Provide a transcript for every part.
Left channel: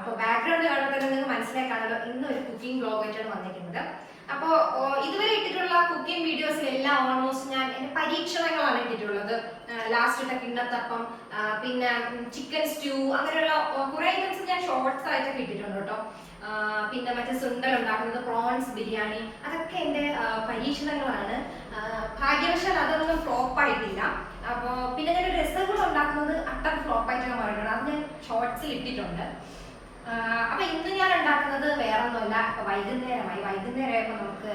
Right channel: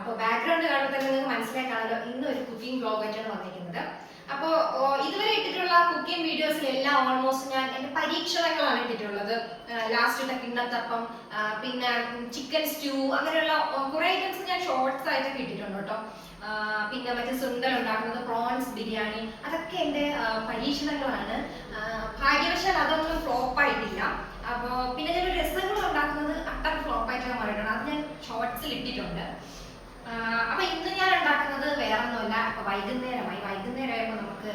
അപ്പോൾ ബാക്ക്ഗ്രൗണ്ട് കാണുമ്പോൾ തന്നെ നിങ്ങൾക്ക് മനസ്സിലാക്കാണല്ലോ ഇന്ന് ഒരു കുക്കിംഗ് വ്ലോഗ് ആയിട്ടാണ് വന്നിരിക്കുന്നത്. അപ്പോൾ ഇതുവരെ ഇട്ടിട്ടുള്ള കുക്കിംഗ് വീഡിയോസിലെല്ലാം ഓൾമോസ്റ്റ് ഞാൻ എൻ്റെ പരീക്ഷണങ്ങളാണ് ഇട്ടിട്ടുള്ളത്. ലാസ്റ്റ് ഇട്ട കിണ്ണത്തപ്പം, പിന്നെ ചിക്കൻ സ്റ്റൂ, അങ്ങനെയുള്ള കുറേ ഐറ്റംസ് ഞാൻ ഷോർട്സ് ആയിട്ടൊക്കെ ഇട്ടിട്ടുണ്ട് കേട്ടോ. പിന്നെ മറ്റേ സുണ്ടൽ ഉണ്ടാക്കുന്നത്, പ്രോൺസ് ബിരിയാണി, അതൊക്കെ എൻ്റെ പരീക്ഷണങ്ങളാണ്. ഭാഗ്യവശാൽ അതൊന്നും ഫ്ലോപ്പ് ആയിട്ടില്ല. അപ്പോൾ പിന്നെ ഞാൻ രസങ്ങൾ ഉണ്ടാക്കുന്നത് അട്ടർ ഫ്ലോപ്പ് ആയിട്ടൊക്കെ മാറിയിട്ടുണ്ട്. അത് ഞാൻ ഷോർട്സിൽ ഇട്ടിട്ടുണ്ട്. അപ്പൊ ഇന്ന് ഞാൻ ഉണ്ടാക്കുന്നത് വേറെ ഒന്നുമല്ല. അപ്പൊ വൈകുന്നേരമായപ്പോൾ നമുക്ക്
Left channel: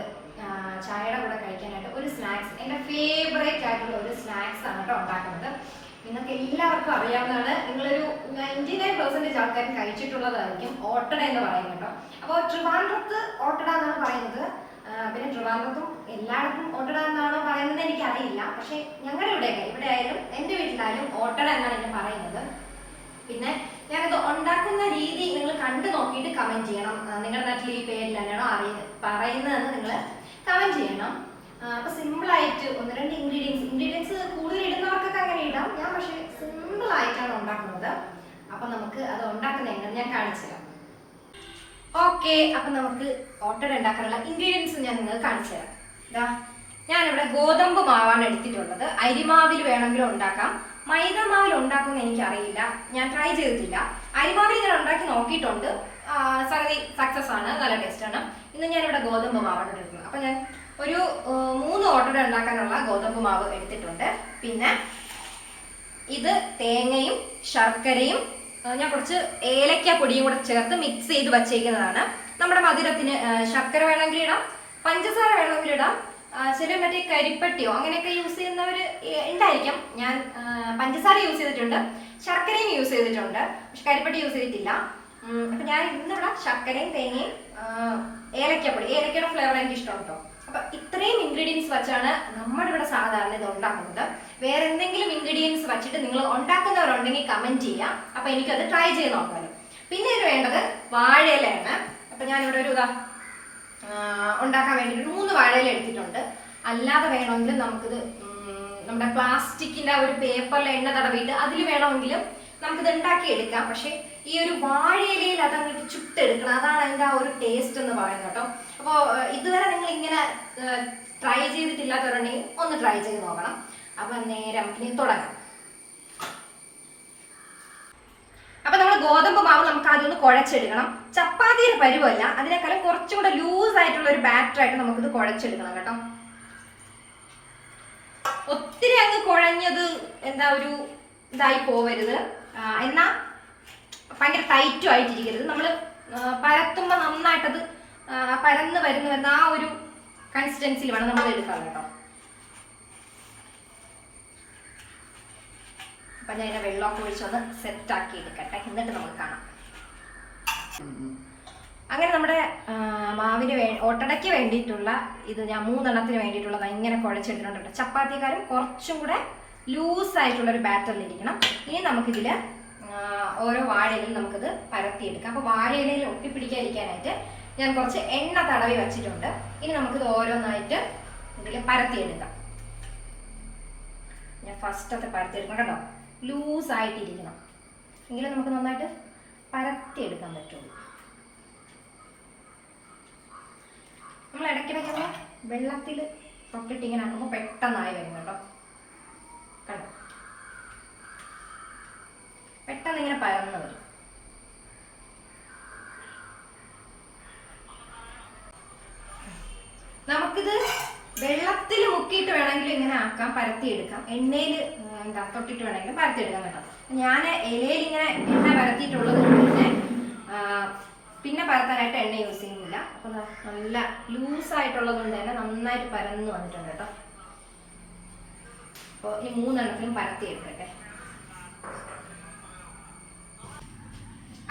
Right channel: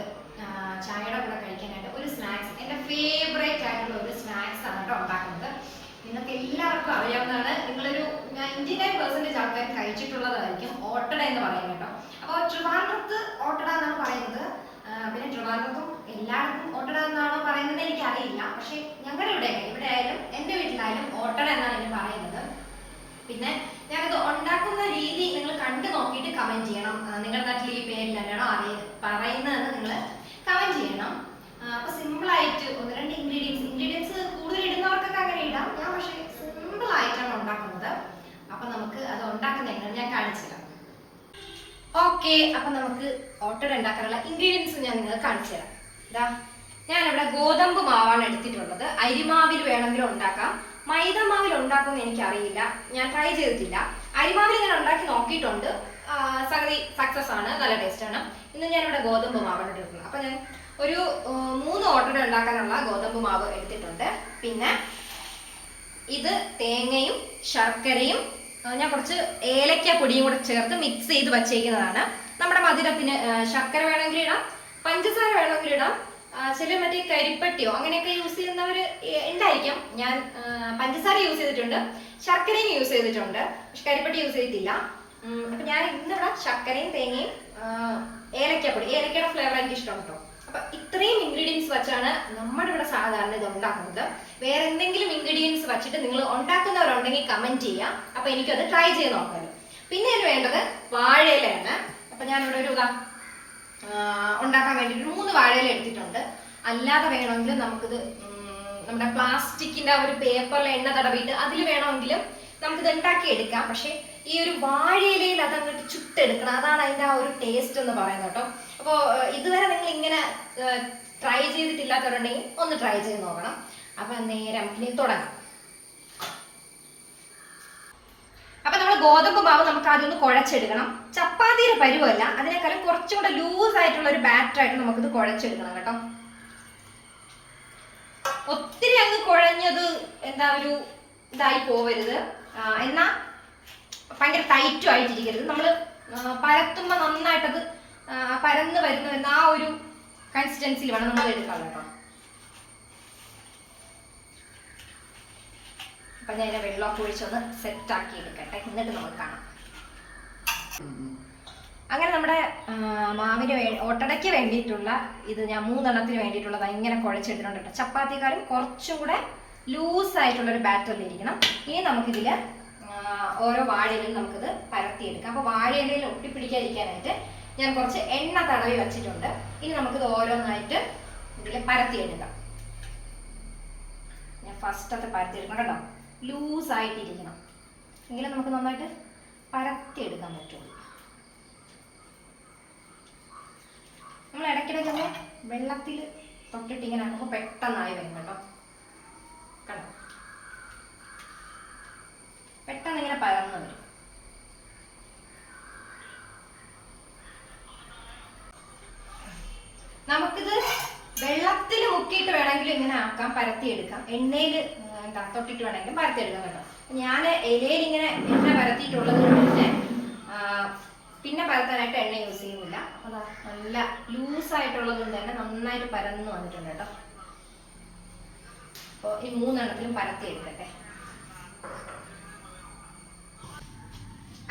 ചായയുടെ കൂടെ കഴിക്കാനായിട്ട് ഒരു സ്നാക്സ്, എൻ്റെ ഫേവറേറ്റ് ആയിട്ടുള്ള ഒരു സ്നാക്സ് ആണ് കേട്ടോ ഉണ്ടാക്കുന്നത്. നിങ്ങൾക്ക് എല്ലാവർക്കും അറിയാവുന്നതാണ്, നിങ്ങളൊരു 99% ആൾക്കാരും കഴിച്ചിട്ടുള്ളതായിരിക്കും ഓട്ടട എന്ന് പറയുന്നത് കേട്ടോ. അപ്പോൾ ട്രിവാൻഡ്രത്ത് ഓട്ടട എന്നാണ് പറയുന്നത്. പിന്നെ ട്രിവാൻഡ്രത്തും എല്ലായിടത്തും ഓട്ടട എന്നാണോ പറയുന്നത് എനിക്കറിയില്ല. പക്ഷെ ഞങ്ങളുടെ ഇവിടെ ആയാലും എൻ്റെ വീട്ടിലായാലും ഓട്ടട എന്നാണ് എന്നെ പറയുന്നത്. പിന്നെ ഞാനത് ഉണ്ടാക്കുന്ന രീതി നിങ്ങൾ കണ്ടു നോക്കിയിട്ട് കമന്റ് ചെയ്യണം. നിങ്ങളുടെ നാട്ടിൽ ഈ പേരിൽ തന്നെയാണോ പറയുന്നതെന്ന് നിങ്ങൾ കമന്റ് ചെയ്യണം. അപ്പൊ സിമ്പിൾ ആയിട്ട് 1-2 ഇൻഗ്രീഡിയൻസ് കൂടുതൽ ഇടുന്നവർക്കൊക്കെ അങ്ങനെ ഇടാം. ഞാൻ പക്ഷേ സിമ്പിൾ ആയിട്ടാണ് ഉണ്ടാക്കുന്നത്. അപ്പൊ നമുക്ക് അത് ഉണ്ടാക്കുന്ന എങ്ങനെ ഞാൻ കാണിച്ചു തരാം. ഓക്കെ, അപ്പൊ നമുക്ക് ഓട്ടട ഉണ്ടാക്കാനുള്ള ഇൻഗ്രീഡിയൻസ് ഞാൻ നിങ്ങൾക്ക് കാണിച്ചു തരാം. ഇതാ, ഞാനിവിടെ ഗോതമ്പ് മാവാണ് എടുത്തിട്ടുള്ളത്. അരിമാവിൽ വേണമെങ്കിലും ഉണ്ടാക്കാം, മൈദ മാവിൽ ഉണ്ടാക്കുമെന്ന് എനിക്കറിയില്ല, ഞാൻ ട്രൈ ചെയ്തിട്ടില്ല. അരിമാവിൽ ഇങ്ങനെ ഉണ്ടാക്കി നോക്കിയിട്ടുണ്ട്, സംഗതി സക്സസ് ആണ്, നല്ല ടേസ്റ്റ് ആണ്. ഇന്ന് ഞാനിവിടെ ഗോതമ്പ് മാവാണ് എടുക്കുന്നത്. അപ്പൊ ഞാൻ ഒരു 3 ഓട്ടട ഉണ്ടാക്കാനുള്ള ഗോതമ്പ് മാവ് എടുത്തിട്ടുണ്ട്. പിന്നെ ഇത് തേങ്ങയും ശർക്കരയും ഞാൻ കുറച്ച് ഏലക്ക പൊടിയും കൂടെ ചേർത്ത് മിക്സ് ചെയ്ത് വച്ചേക്കുന്നതാണ്. നമ്മുടെ മധുരത്തിന് ശർക്കര വേണമെങ്കിൽ ഇടാം, പഞ്ചസാര വേണമെങ്കിൽ ഇടാം. ചില മറ്റേ കരിപ്പട്ടിയോ അങ്ങനെയൊക്കെ യൂസ് ചെയ്യുന്നവർ ഉണ്ടായിരിക്കാം. ഞാൻ പഞ്ചസാര യൂസ് ചെയ്തിട്ടുണ്ട്, ശർക്കരയും യൂസ് ചെയ്തിട്ടുണ്ട്, പക്ഷെ കരിപ്പട്ടി യൂസ് ചെയ്തിട്ടില്ല. അപ്പൊ ഞാൻ ഇന്നിവിടെ ശർക്കരയും തേങ്ങയും ഏലക്കപ്പൊടി, ഏലക്കയുടെ ഫ്ലേവർ എനിക്ക് ഇഷ്ടം കേട്ടോ. അപ്പൊ ഇത്രയും ഇൻഗ്രീഡിയൻസ് വെച്ചാണ് നമ്മുടെ ഇവിടെ സാധാരണ ഇത് ഉണ്ടാക്കുന്നത്. വേറെ എന്തെങ്കിലും ഇൻഗ്രീഡിയൻസ് വെച്ചിട്ട് നിങ്ങൾ ഉണ്ടാക്കുന്നവരുണ്ടെങ്കിൽ കമന്റ് ചെയ്യാം. അപ്പൊ എനിക്കത് ട്രൈ ചെയ്ത് നോക്കാമല്ലോ. പിന്നെ ഇതിന് വേണ്ടത് വാഴയിലയാണ്. അപ്പൊ ഞാനിവിടെ ഒരു ഉണ്ടാക്കാൻ വേണ്ടി 3 വാഴയില എടുത്തിട്ടുണ്ട്. അല്ലാതെ വേണമെങ്കിൽ നമുക്കിത് നമ്മുടെ പ്ലാസ്റ്റിക്കിന്റെ ഒരു പേപ്പറിൽ എണ്ണ തടവിയിട്ട് അതിൽ വേണമെങ്കിലും നമുക്കിത് ഉണ്ടാക്കി എടുക്കാം. പക്ഷെ ഈ ഒരു വാഴയിലയിൽ അതങ്ങോട്ട് ചുട്ടെടുക്കണം, അതാണ് അതിന്റെ ആ ഒരു ടേസ്റ്റ് എന്ന് പറയുന്നത് കേട്ടോ. അപ്പോൾ ഇതുവരെ നിങ്ങൾ ഇങ്ങനെ ട്രൈ ചെയ്തിട്ടില്ലാത്തവരുണ്ടെങ്കിൽ ഒന്ന് ട്രൈ ചെയ്ത് നോക്കണം. അപ്പൊ നേരെ നമുക്കിനി തുടങ്ങാം. അപ്പൊ നമ്മൾ ഗോതമ്പ് മാവ് നമുക്ക് ആദ്യം ഒന്ന് കുഴച്ചെടുക്കണം. ചപ്പാത്തിയുടെ പരുവല്ല, അതിനേക്കാളും കുറച്ചും കൂടെ ലൂസ് ആയിട്ടുള്ള ഒരു ബാറ്റർ ആയിട്ട് നമുക്കിത് കുഴച്ചെടുക്കണം കേട്ടോ. ഒത്തിരി അങ്ങ് കുഴഞ്ഞത് എന്താ ഒരു ഇതായി പോവരുത്, എന്നാ ഭയങ്കര ടൈറ്റും ആയിട്ടിരിക്കരുത്. നമ്മൾ പരത്തുമ്പോൾ നന്നായിട്ടത് പരന്ന് വരുന്നു എന്ന ആ ഒരു കൺസിസ്റ്റൻസിയിൽ വേണം നമ്മൾ എടുക്കാൻ കേട്ടോ. അപ്പൊ ഞാൻ ഇതിനെ വെള്ളമൊക്കെ ഒഴിച്ചൊന്ന് സെറ്റാക്കി എടുക്കട്ടെ, എന്നിട്ട് നമുക്ക് കാണാം. അങ്ങനെ നമ്മുടെ മാവിന് ഓട്ടടയ്ക്ക് വേണ്ടിയിട്ടുള്ള ഇത് ഞാൻ 3 എണ്ണത്തിന് വേണ്ടിയിട്ടുള്ളത് ഇങ്ങനെ കുഴച്ചെടുത്തിട്ടുണ്ട് കേട്ടോ. ചപ്പാത്തിക്കാരും കുറച്ചും കൂടെ ലൂസ് ആയിട്ടുള്ളൊരു ബാറ്ററിലിരിക്കണം. ഇനി നമുക്കിതിൽ ഓരോ വാഴയിലും നമുക്കിത് പരത്തിയെടുക്കാം. അപ്പോൾ വാഴയിലയിൽ ഒട്ടിപ്പിടിക്കാതിരിക്കാനായിട്ട് ഞാൻ കുറച്ച് എണ്ണ തടവി വെച്ചിട്ടുണ്ട്. ഇനി നമുക്കിത് ഓരോന്നായിട്ട് ഇതിൽ പരത്തിയെടുക്കാം. ഞാൻ ഫസ്റ്റത്തെ പരത്തിയെടുക്കണം കേട്ടോ. ലൂസ് ആയിട്ടിരിക്കണം, എങ്കിലും നമുക്ക് നന്നായിട്ട് പരത്തിയെടുക്കാൻ പറ്റുള്ളൂ. നമ്മൾ ഇടയ്ക്കിടയ്ക്കൊക്കെ വെള്ളത്തിൽ തൊട്ടിട്ട് ഇങ്ങനെ ആക്കുമ്പോൾ പെട്ടെന്നായി വരും കേട്ടോ. കണ്ടോ, പെട്ടെന്ന് ഇങ്ങനെ പരന്ന് വരും. നമുക്കിത് വെള്ളത്തിൽ മുക്കിയിട്ട് വേണമെങ്കിലും ഇങ്ങനെ ആക്കാം, പരത്തിയെടുക്കാം. എണ്ണയിൽ എന്താ തൊട്ടിട്ട് വേണമെങ്കിലും പരത്തിയെടുക്കാം കേട്ടോ. ഞാൻ ഇലയിൽ ഇങ്ങനെ എണ്ണ പരത്തിയിട്ടുള്ളത് കഴിഞ്ഞ് പിന്നെ പരത്താനായിട്ട് എണ്ണ യൂസ് ചെയ്യുന്നില്ല. അപ്പൊ നല്ല ലൂസായിട്ടുള്ളത് കൊണ്ട് തന്നെ നന്നായിട്ട് പരന്ന് വന്നിട്ടുണ്ട് കേട്ടോ. അപ്പോൾ ഈ 3 എണ്ണത്തിലും പരത്തിയെടുക്കട്ടെ.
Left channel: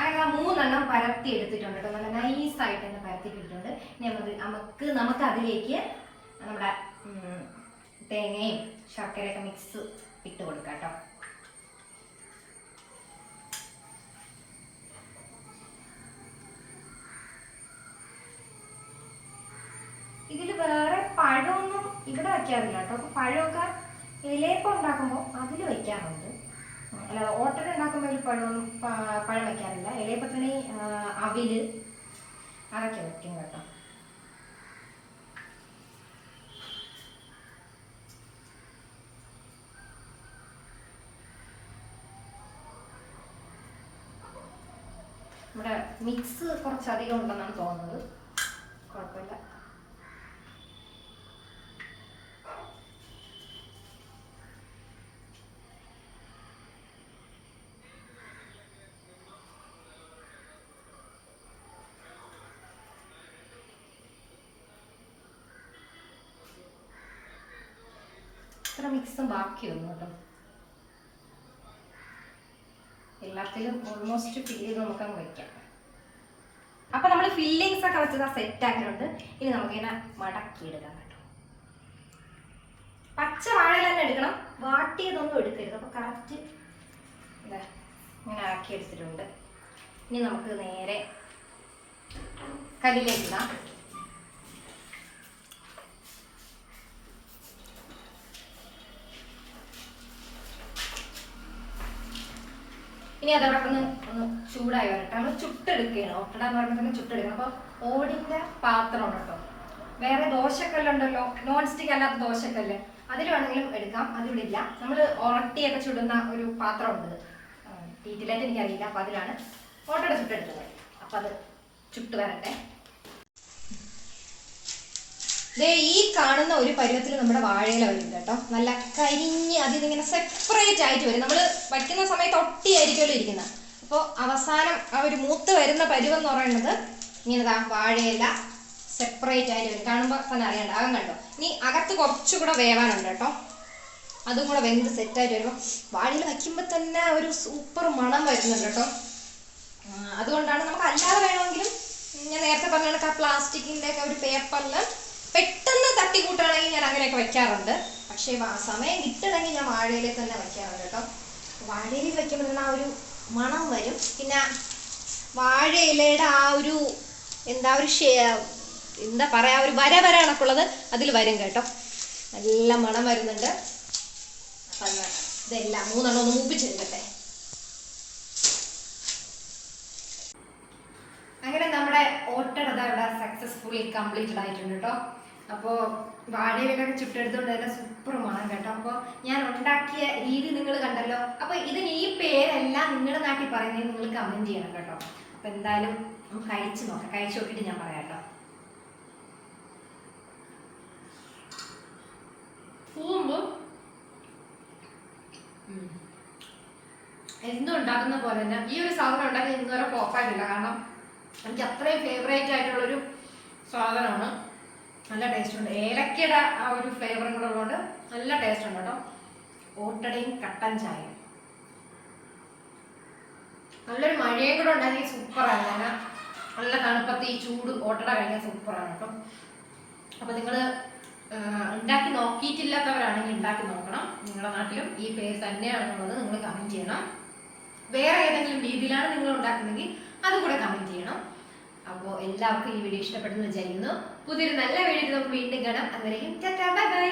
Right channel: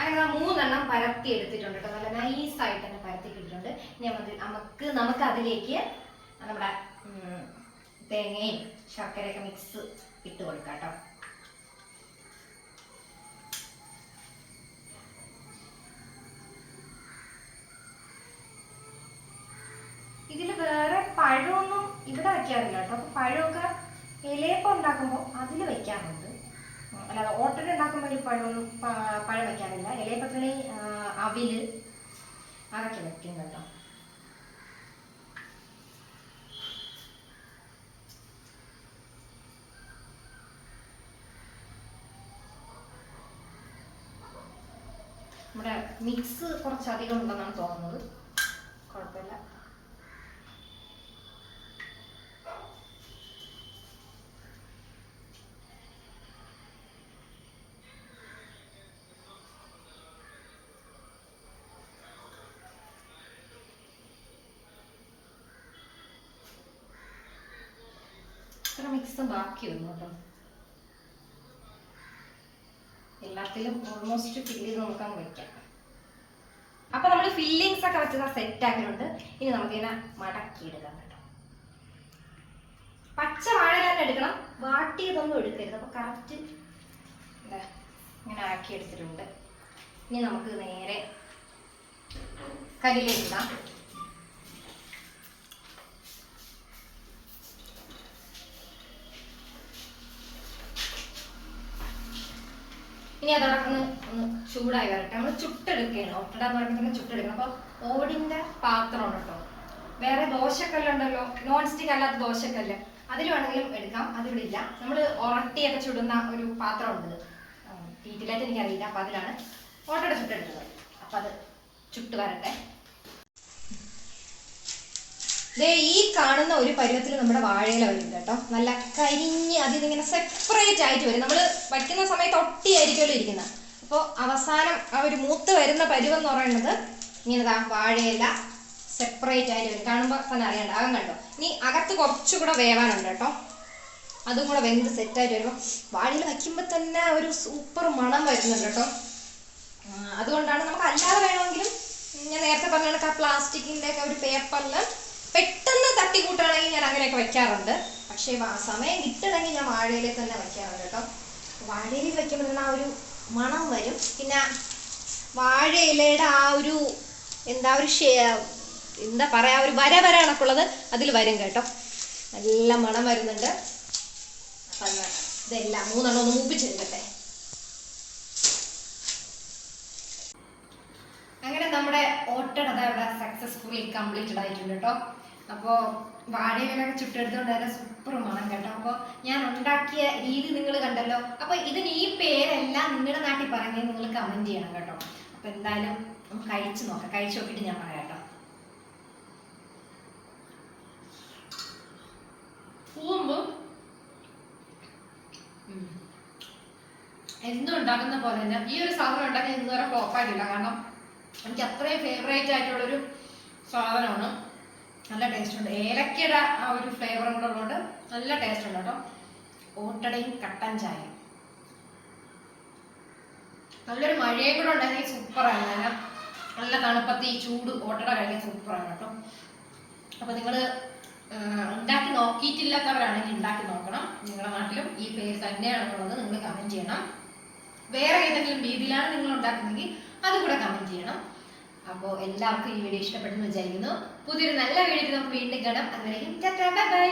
അങ്ങനെ 3 എണ്ണം പരത്തി എടുത്തിട്ടുണ്ട് കേട്ടോ. നല്ല നൈസായിട്ട് തന്നെ പരത്തി കിട്ടിയിട്ടുണ്ട്. ഇനി നമുക്ക് അതിലേക്ക് നമ്മുടെ തേങ്ങയും ശർക്കരയൊക്കെ മിക്സ് ഇട്ട് കൊടുക്കാം കേട്ടോ. ഇതിൽ വേറെ പഴമൊന്നും ഇവിടെ വയ്ക്കാറില്ല കേട്ടോ. അപ്പൊ പഴമൊക്കെ ഇലയപ്പം ഉണ്ടാക്കുമ്പോൾ അതിൽ വെക്കാറുണ്ട്. അല്ലാതെ ഓട്ടട ഉണ്ടാക്കുമ്പോൾ ഒരു പഴം വെക്കാറില്ല. ഇലയപ്പത്തിന് അവില് അതൊക്കെ വെക്കും കേട്ടോ. നമ്മുടെ മിക്സ് കുറച്ചധികം ഉണ്ടെന്നാണ് തോന്നുന്നത്. കുഴപ്പമില്ല. ഇത്ര മിക്സും ബാക്കി വന്നു കേട്ടോ. എല്ലാത്തിലും ഓൾമോസ്റ്റ് ഫില്ല് ചെയ്ത് നമുക്കങ്ങ് വയ്ക്കാം. അപ്പൊ നമ്മൾ ഫില്ലിങ്സ് ഒക്കെ വെച്ചത് സെറ്റ് ആക്കിയിട്ടുണ്ട്. ഇനി നമുക്കിങ്ങനെ മടക്കിയെടുക്കാം കേട്ടോ. പച്ച വാഴയില തന്നെ എടുക്കണം, വാട്ടിയതൊന്നും എടുക്കരുത്. അപ്പൊ കറക്റ്റ് ഇങ്ങനെ ആക്കി എടുത്തിട്ടുണ്ട്. ഇനി നമുക്ക് നേരെ കല്ലിലേക്ക് ഇടാം. ഇനി അതോടൊപ്പം ഒന്ന് ചൂടായി വരട്ടെ. നമ്മൾ ചുട്ടെടുക്കുകയാണ്. ഓട്ടട എന്ന് പറയുമ്പോൾ തന്നെ ചുട്ടെടുക്കണം. അപ്പോൾ ഓടിൻ്റെ പാത്രമാണ് കേട്ടോ. വേറെ ദോശക്കല്ലുണ്ടല്ലോ, നോൺ സ്റ്റിക്ക് അല്ലാത്ത ദോശക്കല്ല്, അതിൽ വേണമെങ്കിലും എടുക്കാം. അതിവിടെ ഇല്ല. നമ്മൾ ഉറട്ടിയൊക്കെ ചുടുന്ന ഒരു പാത്രമുണ്ട്, ഡീറ്റെയിലായിട്ട് എനിക്കറിയില്ല. അപ്പം അതിലാണ് ഓട്ടട ചുട്ടെടുക്കുന്നത്. അപ്പം അത് ചുട്ട് വരട്ടെ. ഈ കാണുന്ന ഒരു പരുവത്തിൽ നമ്മുടെ വാഴയില വരും കേട്ടോ. നല്ല കരിഞ്ഞ് അതിൽ നിന്നിങ്ങനെ സെപ്പറേറ്റ് ആയിട്ട് വരും. നമ്മൾ വയ്ക്കുന്ന സമയത്ത് ഒട്ടിയായിരിക്കുമല്ലോ ഇരിക്കുന്നത്. അപ്പോൾ അവസാനം ആ ഒരു മൂത്ത് വരുന്ന പരുവം എന്ന് പറയുന്നത് ഇങ്ങനെ വാഴയില സെപ്പറേറ്റ് ആയിട്ട് വരും. കാണുമ്പോൾ തന്നെ അറിയണ്ട, അകം കണ്ടോ. ഇനി അകത്ത് കുറച്ചുകൂടെ വേവാനുണ്ട് കേട്ടോ. അതും കൂടെ വെന്ത് സെറ്റായിട്ട് വരുമ്പോൾ വാഴയിൽ വയ്ക്കുമ്പോൾ തന്നെ ഒരു സൂപ്പർ മണം വരുന്നുണ്ട് കേട്ടോ. അതുകൊണ്ടാണ് നമുക്ക് അല്ലാതെ വേണമെങ്കിലും ഞാൻ നേരത്തെ പറഞ്ഞ കണക്ക് ആ പ്ലാസ്റ്റിക്കിൻ്റെ ഒക്കെ ഒരു പേപ്പറിൽ പെട്ടെന്ന് തട്ടിക്കൂട്ടാണെങ്കിൽ ഞാൻ അങ്ങനെയൊക്കെ വെക്കാറുണ്ട്. പക്ഷേ സമയം കിട്ടണമെങ്കിൽ ഞാൻ വാഴയില തന്നെ വയ്ക്കാറുണ്ട് കേട്ടോ. വാഴയില വയ്ക്കുമ്പോൾ തന്നെ ആ ഒരു മണം വരും. പിന്നെ വാഴയിലയുടെ ആ ഒരു എന്താ പറയാ, ഒരു വര കണക്കുള്ളത് അതിൽ വരും കേട്ടോ. നല്ല മണം വരുന്നുണ്ട്. അപ്പം ഇതെല്ലാം 3 എണ്ണം ഒന്ന് മൂപ്പിച്ചെടുക്കട്ടെ. അങ്ങനെ നമ്മുടെ ഓട്ടട ഇവിടെ സക്സസ്ഫുള്ളി കംപ്ലീറ്റഡ് ആയിട്ടുണ്ട് കേട്ടോ. അപ്പോൾ വാഴയിലൊക്കെ ചുട്ടെടുത്തുകൊണ്ട് തന്നെ സൂപ്പർ മണം കേട്ടോ. അപ്പോൾ ഞാൻ ഉണ്ടാക്കിയ രീതി നിങ്ങൾ കണ്ടല്ലോ. അപ്പോൾ ഇതിന് ഈ പേരെല്ലാം നിങ്ങളുടെ നാട്ടിൽ പറയുന്നത് നിങ്ങൾ കമൻറ്റ് ചെയ്യണം കേട്ടോ. അപ്പോൾ എന്തായാലും നമുക്ക് കഴിച്ച് നോക്കാം. കഴിച്ച് നോക്കിയിട്ട് ഞാൻ പറയാം കേട്ടോ. എന്തും ഉണ്ടാക്കുന്ന പോലെ തന്നെ ഈ ഒരു സാധനം ഉണ്ടാക്കി ഇന്നുവരെ ഫ്ലോപ്പായിട്ടില്ല. കാരണം എനിക്ക് അത്രയും ഫേവറേറ്റ് ആയിട്ടുള്ളൊരു സാധനമാണ്. നല്ല ടേസ്റ്റ് ഉണ്ട്. ഏലക്കയുടെ ആ ഒരു ഫ്ലേവറും കൂടെ ഉള്ളതുകൊണ്ട് നല്ല ടേസ്റ്റ് ഉണ്ട് കേട്ടോ. ഓട്ടടയും കട്ടൻ ചായയും നല്ലൊരു മഴയും കൂടെ ഉണ്ടായിരുന്നെങ്കിൽ സൂപ്പറാണ്. ഞാൻ നല്ല തണുപ്പത്ത് ഈ ചൂട് ഓട്ടട കഴിക്കാൻ സൂപ്പറാണ് കേട്ടോ. അപ്പോൾ നിങ്ങൾ ഉണ്ടാക്കി നോക്കിയിട്ടില്ലാത്തവരാണെങ്കിൽ ഉണ്ടാക്കി നോക്കണം. നിങ്ങളുടെ നാട്ടിലും ഈ പേര് തന്നെയാണെന്നുള്ളത് നിങ്ങൾ കമൻറ്റ് ചെയ്യണം. വേറെ ഏതെങ്കിലും രീതിയിലാണ് നിങ്ങൾ ഉണ്ടാക്കുന്നതെങ്കിൽ അതുകൂടെ കമൻറ്റ് ചെയ്യണം. അപ്പോൾ എല്ലാവർക്കും ഈ വീഡിയോ ഇഷ്ടപ്പെട്ടെന്ന് വിചാരിക്കുന്നു. പുതിയൊരു നല്ല വീഡിയോ നമുക്ക് വീണ്ടും കാണാം. അതുവരെയും ടാറ്റാ ബൈ ബൈ.